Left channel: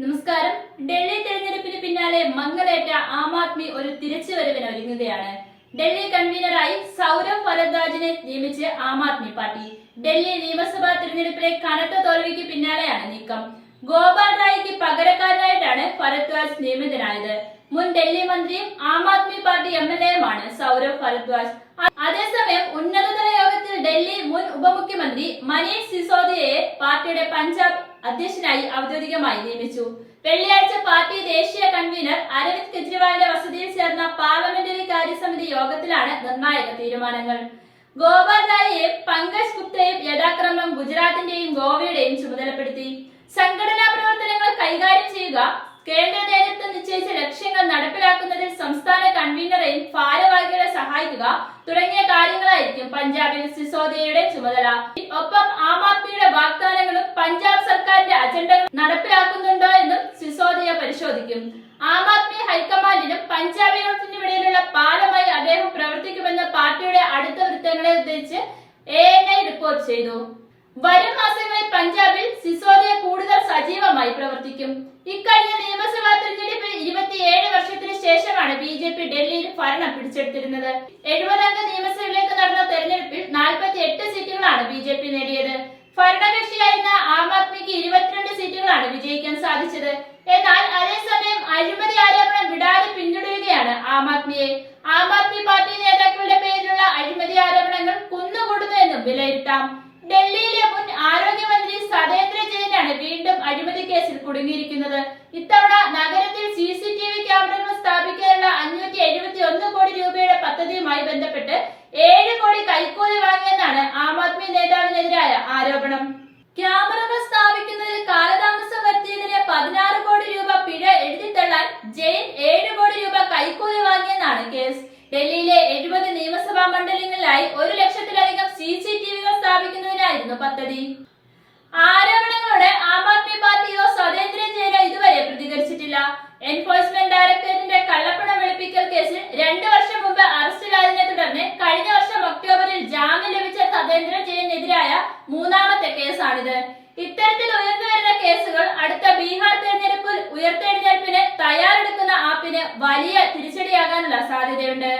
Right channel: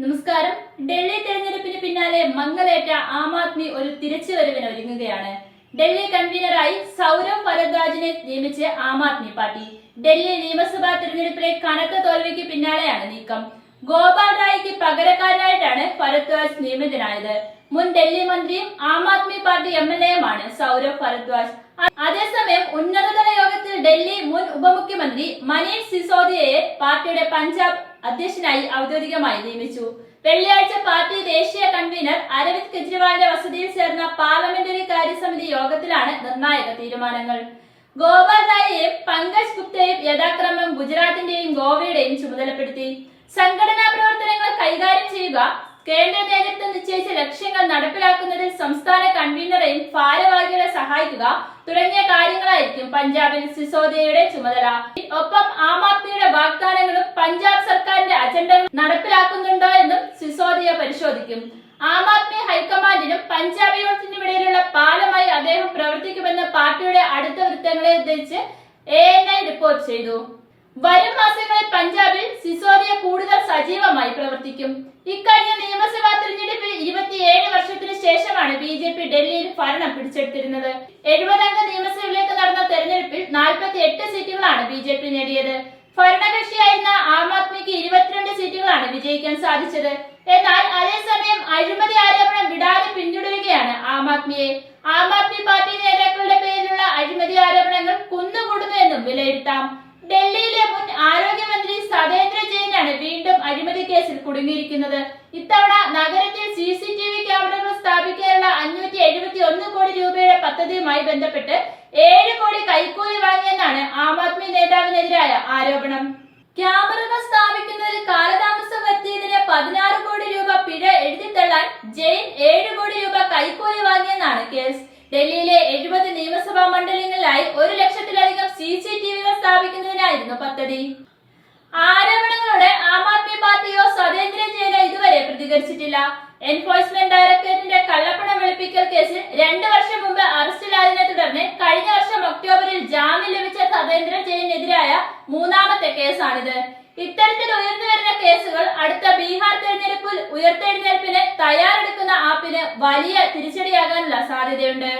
നമസ്കാരം. ഡൽഹി തെരഞ്ഞെടുപ്പിന് പിന്നാലെ മങ്ങലേറ്റ ആം ആദ്മി ഒരു തിരിച്ചുവരവിന് ഒരുങ്ങുകയാണ്. ഡൽഹി കൺവീനറായി സൗരവ് ഭരദ്വാജിനെ നിയമിച്ച് ആം ആദ്മി പാർട്ടി. ഡൽഹി നിയമസഭാ തെരഞ്ഞെടുപ്പിലെ കനത്ത തോൽവിക്ക് പിന്നാലെയാണ് നീക്കം. ഗോപാൽ റായിക്ക് പകരക്കാരനായിട്ടാണ് ഭരദ്വാജ് നിയമിതനായത്. മുൻ ഡൽഹി മന്ത്രിയും ആം ആദ്മി പാർട്ടി MLAയുമാണ് സൗരവ് ഭരദ്വാജ്. അതേസമയം ഉന്നതതല യോഗത്തിൽ ഡൽഹി മുൻ ഉപമുഖ്യമന്ത്രി മനീഷ് സിസോദിയയെ പാർട്ടിയുടെ പഞ്ചാബ് അധ്യക്ഷനായി ഔദ്യോഗികമായി നിയമിച്ചു. വെള്ളിയാഴ്ച പാർട്ടി ദേശീയ കൺവീനർ അരവിന്ദ് കെജ്രിവാളിന്റെ വസതിയിൽ ചേർന്ന പാർലമെന്ററി കാര്യസമിതി യോഗത്തിലാണ് നിർണായക തീരുമാനങ്ങൾ. ഗോപാൽ റായിയെയും പങ്കജ് ഗുപ്തയെയും യഥാക്രമം ഗുജറാത്തിന്റെയും ഗോവയുടെയും ചുമതലപ്പെടുത്തി. സംഘടനാ പ്രവർത്തനങ്ങൾ കൈകാര്യം ചെയ്യുക, കേന്ദ്ര നേതൃത്വം നിശ്ചയിച്ച ലക്ഷ്യങ്ങൾ നടപ്പിലാക്കുന്നതിൽ സംസ്ഥാന കൺവീനറെയും ഭാരവാഹികളെ സഹായിക്കുക തുടങ്ങിയ കാര്യങ്ങളായിരിക്കും പഞ്ചാബിൽ സിസോദിയയുടെ ചുമതല. ഒപ്പം ആം ആദ്മിയുടെ വാഗ്ദാനങ്ങളും പഞ്ചാബ് സർക്കാരിന്റെ അജണ്ടകൾ നടപ്പിലാക്കുന്നുണ്ടോ എന്നും സിസോദിയ പരിശോധിക്കും. ആം ആദ്മി ഹൈക്കമാൻഡിനും പഞ്ചാബ് യൂണിറ്റിനും ഇടയിലുള്ള പാലമായി അദ്ദേഹം പ്രവർത്തിക്കുമെന്ന് പാർട്ടിയുടെ അടുത്ത വൃത്തങ്ങളെ ഉദ്ധരിച്ച് ANI റിപ്പോർട്ട് ചെയ്തു. വരും മാസങ്ങളിൽ പഞ്ചാബിൽ സിസോദിയ കൂടുതൽ സജീവമായി പ്രവർത്തിക്കും. ഇക്കഴിഞ്ഞ നിയമസഭാ തെരഞ്ഞെടുപ്പിൽ 27 വർഷത്തിന് ശേഷമാണ് BJP ഡൽഹിയിൽ ഭരണം പിടിച്ചെടുത്തിരുന്നത്. 70 അംഗ നിയമസഭയിലേക്ക് നടന്ന തെരഞ്ഞെടുപ്പിൽ 48 സീറ്റുകളാണ് BJP നേടിയത്. ഭരണകക്ഷിയായിരുന്ന ആം ആദ്മിക്ക് 22 സീറ്റുകളാണ് വിജയിക്കാൻ സാധിച്ചത്. എന്നാൽ അതേസമയം അഴിമതി ആരോപണം വിടാതെ പിന്തുടരുകയാണ് ആം ആദ്മിയെ. ആം ആദ്മി പാർട്ടി നേതാക്കളുടെ പേരിലുള്ള അഴിമതി ആരോപണങ്ങൾ കുന്നുകൂടുന്നു എന്നും വിലയിരുത്താം. ഡൽഹിയിലെ മുൻ ആരോഗ്യമന്ത്രി സതേന്ദ്ര ജെയിനാണ് വീണ്ടും അഴിമതി കേസിൽ കുടുങ്ങിയിരിക്കുന്നത്. ഇത്തവണ നഗരത്തിൽ CCTV ക്യാമറകൾ സ്ഥാപിക്കാനുള്ള 571 കോടി രൂപയുടെ പദ്ധതിയുമായി ബന്ധപ്പെട്ട് 7 കോടി കൈക്കൂലി വാങ്ങിയെന്നാണ് ആം ആദ്മി നേതാവിനെതിരായ ആരോപണം. ക്യാമറകൾ സ്ഥാപിക്കുന്നതിൽ കാലതാമസം വരുത്തിയതിന് 16 കോടി രൂപ പിഴ എഴുതിത്തള്ളാൻ ജെയിൻ 7 കോടി രൂപ കൈക്കൂലി വാങ്ങിയെന്നാണ് കേസ്. ഡൽഹിയിലെ 70 നിയമസഭാ മണ്ഡലങ്ങളിലായി 1 ലക്ഷത്തിലധികം CCTVകൾ സ്ഥാപിക്കുന്നതിനായിരുന്നു പദ്ധതി. ആരോപണങ്ങളോടെ ആം ആദ്മി പാർട്ടിയോ സതേന്ദ്ര ജെയിനോ ഇതുവരെ പ്രതികരിച്ചിട്ടില്ല. എൻഫോഴ്സ്മെന്റ് ഡയറക്ടറേറ്റിന്റെ കള്ളപ്പണം വെളുപ്പിക്കൽ കേസിൽ 2 വർഷം മുമ്പ് അറസ്റ്റിലായതിനെ തുടർന്ന് കഴിഞ്ഞ വർഷം ഒക്ടോബറിൽ ജാമ്യം ലഭിച്ച സതേന്ദ്ര ജെയിനെതിരായ 3ാമത്തെ കേസാണിത്. ഇത്തരത്തിൽ ഉയർന്നു വരുന്ന കേസുകൾ അടുത്ത ബീഹാർ തെരഞ്ഞെടുപ്പിൽ ഉയർത്തെഴുന്നേൽപ്പിന് തയ്യാറെടുക്കുന്ന ആപ്പിന് വലിയ തിരിച്ചടിയാകാനുള്ള സാധ്യതയുണ്ട്.